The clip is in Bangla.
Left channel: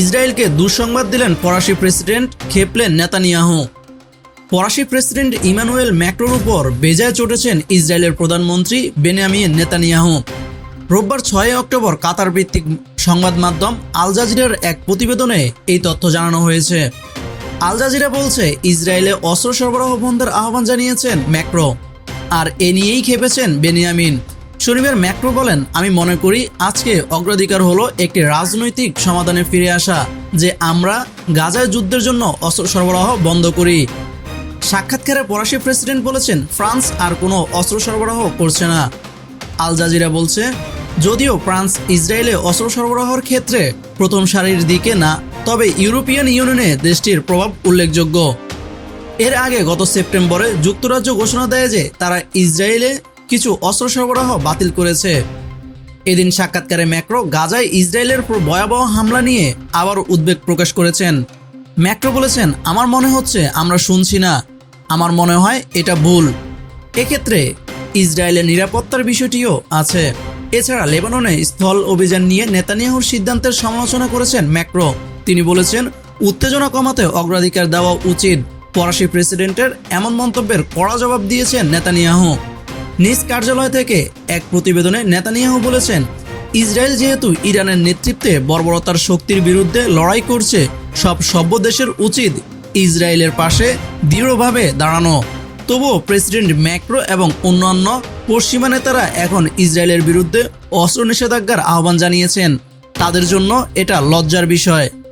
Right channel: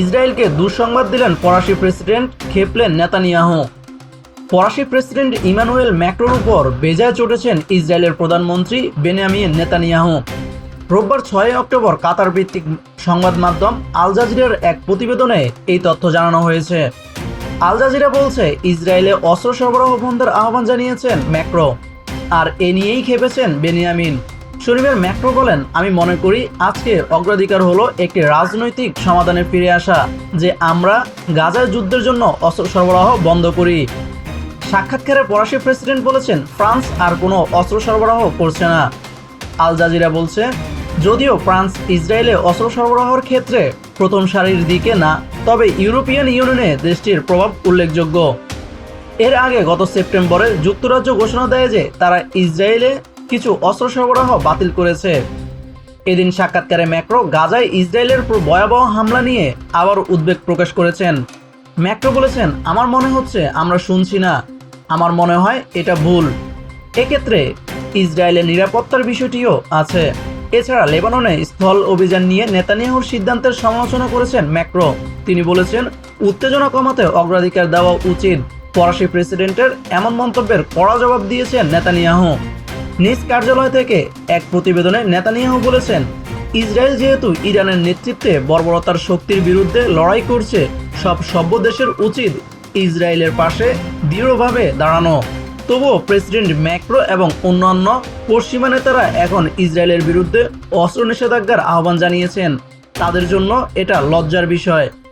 ইসরায়েলকে দুঃসংবাদ দিলেন ফরাসি প্রেসিডেন্ট খেপলেন নেতানিয়াহু। ফরাসি প্রেসিডেন্ট ইমানুয়েল ম্যাক্রোর উপর বেজায় চটেছেন ইসরায়েলের প্রধানমন্ত্রী বেনিয়ামিন নেতানিয়াহু। রোববার ছয় অক্টোবর কাতার ভিত্তিক সংবাদ মাধ্যম আল জাজিরার এক প্রতিবেদনে এই তথ্য জানানো হয়েছে। আল জাজিরা বলছে, ইসরায়েলে অস্ত্র সরবরাহ বন্ধের আহ্বান জানিয়েছেন ম্যাক্রো, আর এ নিয়েই খেপেছেন বেনিয়ামিন। শনিবার ম্যাক্রো বলেন, আমি মনে করি আজকে অগ্রাধিকার হলো একটি রাজনৈতিক সমাধানে ফিরে আসা, যে আমরা গাজায় যুদ্ধের জন্য অস্ত্র সরবরাহ বন্ধ করি। সাক্ষাৎকারে ফরাসি প্রেসিডেন্ট বলেছেন, ফ্রান্স আর কোনো অস্ত্র সরবরাহ করছে না। আল জাজিরা বলছে, যদিও ফ্রান্স ইসরায়েলে অস্ত্র সরবরাহের ক্ষেত্রে প্রথম সারির দিকে না, তবে ইউরোপিয়ান ইউনিয়নে দেশটির প্রভাব উল্লেখযোগ্য। এর আগে গত সেপ্টেম্বরে যুক্তরাজ্য ঘোষণা দেয় যে তারা ইসরায়েলে কিছু অস্ত্র সরবরাহ বাতিল করেছে। এদিন সাক্ষাৎকারে ম্যাক্রো গাজায় ইসরায়েলের ভয়াবহ হামলা নিয়ে আবার উদ্বেগ প্রকাশ করেছেন। ম্যাক্রো বলেছেন, আমার মনে হচ্ছে আমরা শুনছি না। আমার মনে হয় এটা ভুল। এক্ষেত্রে ইসরায়েলের নিরাপত্তার বিষয়টিও আছে। এছাড়া লেবাননে স্থল অভিযান নিয়ে নেতানিয়াহুর সিদ্ধান্তের সমালোচনা করেছেন ম্যাক্রো। তিনি বলেছেন, উত্তেজনা কমাতে অগ্রাধিকার দেওয়া উচিত। ফরাসি প্রেসিডেন্টের এমন মন্তব্যের কড়া জবাব দিয়েছেন নেতানিয়াহু। নিজ কার্যালয় থেকে এক প্রতিবেদনে নেতানিয়াহু বলেছেন, ইসরায়েল যেহেতু ইরানের নেতৃত্বে বর্বরতার শক্তির বিরুদ্ধে লড়াই করছে, সব সভ্য দেশের উচিত ইসরায়েলের পাশে দৃঢ়ভাবে দাঁড়ানো। তবুও প্রেসিডেন্ট ম্যাক্রো এবং অন্যান্য পশ্চিমা নেতারা এখন ইসরায়েলের বিরুদ্ধে অস্ত্র নিষেধাজ্ঞার আহ্বান জানিয়েছেন। তাদের জন্য এটা লজ্জার বিষয়।